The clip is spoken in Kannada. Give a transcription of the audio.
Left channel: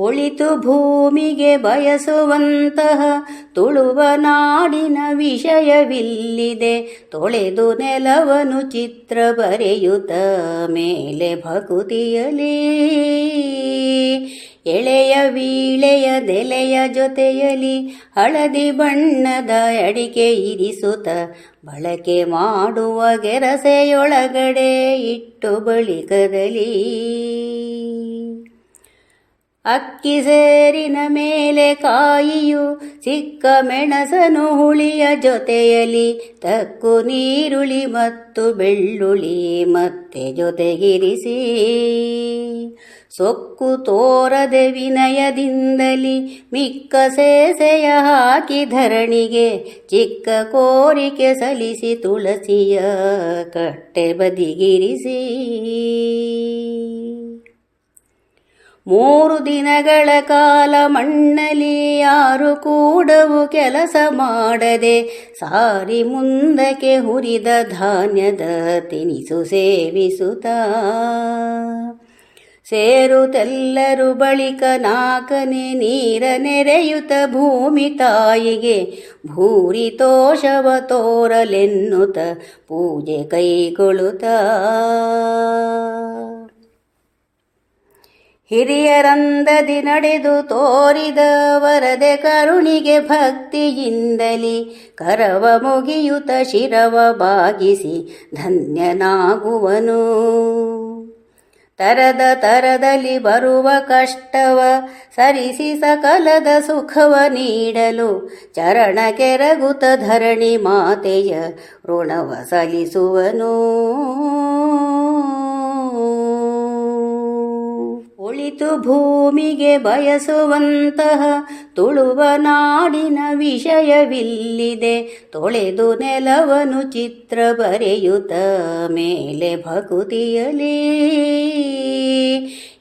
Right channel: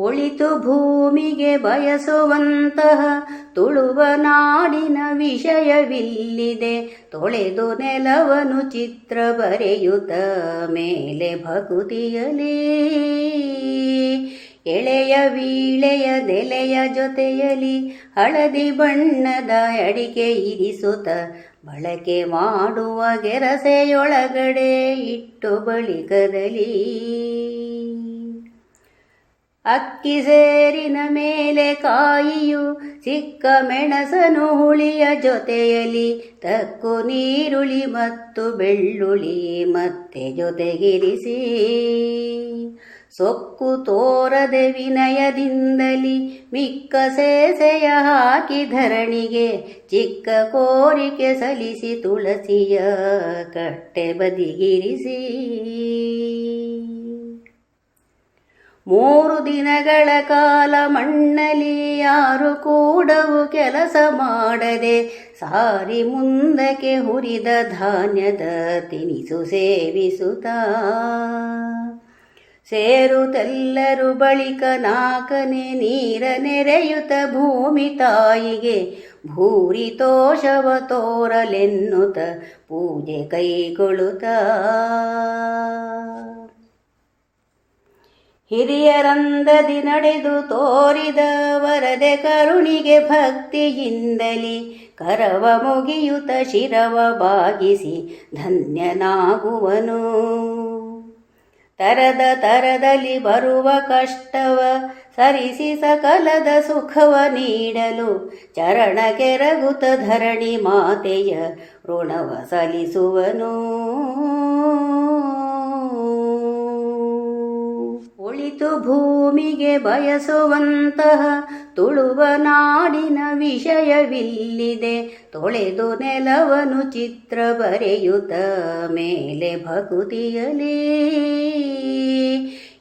ಒಳಿತು ಭೂಮಿಗೆ ಬಯಸುವಂತಹ ತುಳುವ ನಾಡಿನ ವಿಷಯವಿಲ್ಲಿದೆ. ತೊಳೆದು ನೆಲವನು ಚಿತ್ರ ಬರೆಯುತ್ತ ಮೇಲೆ ಭಕುತಿಯಲಿ. ಎಳೆಯ ವೀಳೆಯ ದೆಲೆಯ ಜೊತೆಯಲಿ ಹಳದಿ ಬಣ್ಣದ ಅಡಿಕೆ ಇರಿಸುತ್ತ ಬಳಕೆ ಮಾಡುವ ಗೆರಸೆಯೊಳಗಡೆ ಇಟ್ಟು ಬಳಿಕದಲ್ಲಿ ಅಕ್ಕಿ ಸೇರಿನ ಮೇಲೆ ಕಾಯಿಯು, ಚಿಕ್ಕ ಮೆಣಸನು ಹುಳಿಯ ಜೊತೆಯಲ್ಲಿ ತಕ್ಕು ನೀರುಳಿ ಮತ್ತು ಬೆಳ್ಳುಳ್ಳಿ ಮತ್ತೆ ಜೊತೆಗಿರಿಸಿ. ಸೊಕ್ಕು ತೋರದೆ ವಿನಯದಿಂದಲಿ ಮಿಕ್ಕ ಸೇಸೆಯ ಹಾಕಿ ಧರಣಿಗೆ ಚಿಕ್ಕ ಕೋರಿಕೆ ಸಲ್ಲಿಸಿ ತುಳಸಿಯ ಕಟ್ಟೆ ಬದಿಗಿರಿಸಿ. ಮೂರು ದಿನಗಳ ಕಾಲ ಮಣ್ಣಲಿ ಯಾರು ಕೂಡವು ಕೆಲಸ ಮಾಡದೆ ಸಾರಿ ಮುಂದಕ್ಕೆ ಹುರಿದ ಧಾನ್ಯದ ತಿನಿಸು ಸೇವಿಸುತ್ತಾ. ಸೇರುತ್ತೆಲ್ಲರು ಬಳಿಕ ನಾಕನೆ ನೀರ ನೆರೆಯುತ ಭೂಮಿ ತಾಯಿಗೆ ಭೂರಿ ತೋಷವ ತೋರಲೆನ್ನುತ್ತ ಪೂಜೆ ಕೈಗೊಳ್ಳುತ್ತಾ. ಹಿರಿಯರಂದದಿ ನಡೆದು ತೋರಿದ ವರದೆ ಕರುಣಿಗೆ ಭಕ್ತಿಯಿಂದಲಿ ಕರವ ಮುಗಿಯುತ ಶಿರವ ಬಾಗಿಸಿ ಧನ್ಯನಾಗುವನು. ತರದ ತರದಲ್ಲಿ ಬರುವ ಕಷ್ಟವ ಸರಿಸಿ ಸಕಲದ ಸುಖವ ನೀಡಲು ಚರಣ ಕೆರಗುತ ಧರಣಿ ಮಾತೆಯ ಋಣವ ಸಲ್ಲಿಸುವನು. ಒಳಿತು ಭೂಮಿಗೆ ಬಯಸುವಂತಹ ತುಳುವ ನಾಡಿನ ವಿಷಯವಿಲ್ಲಿದೆ. ತೊಳೆದು ನೆಲವನು ಚಿತ್ರ ಬರೆಯುತ್ತ ಮೇಲೆ ಭಕುತಿಯಲಿ.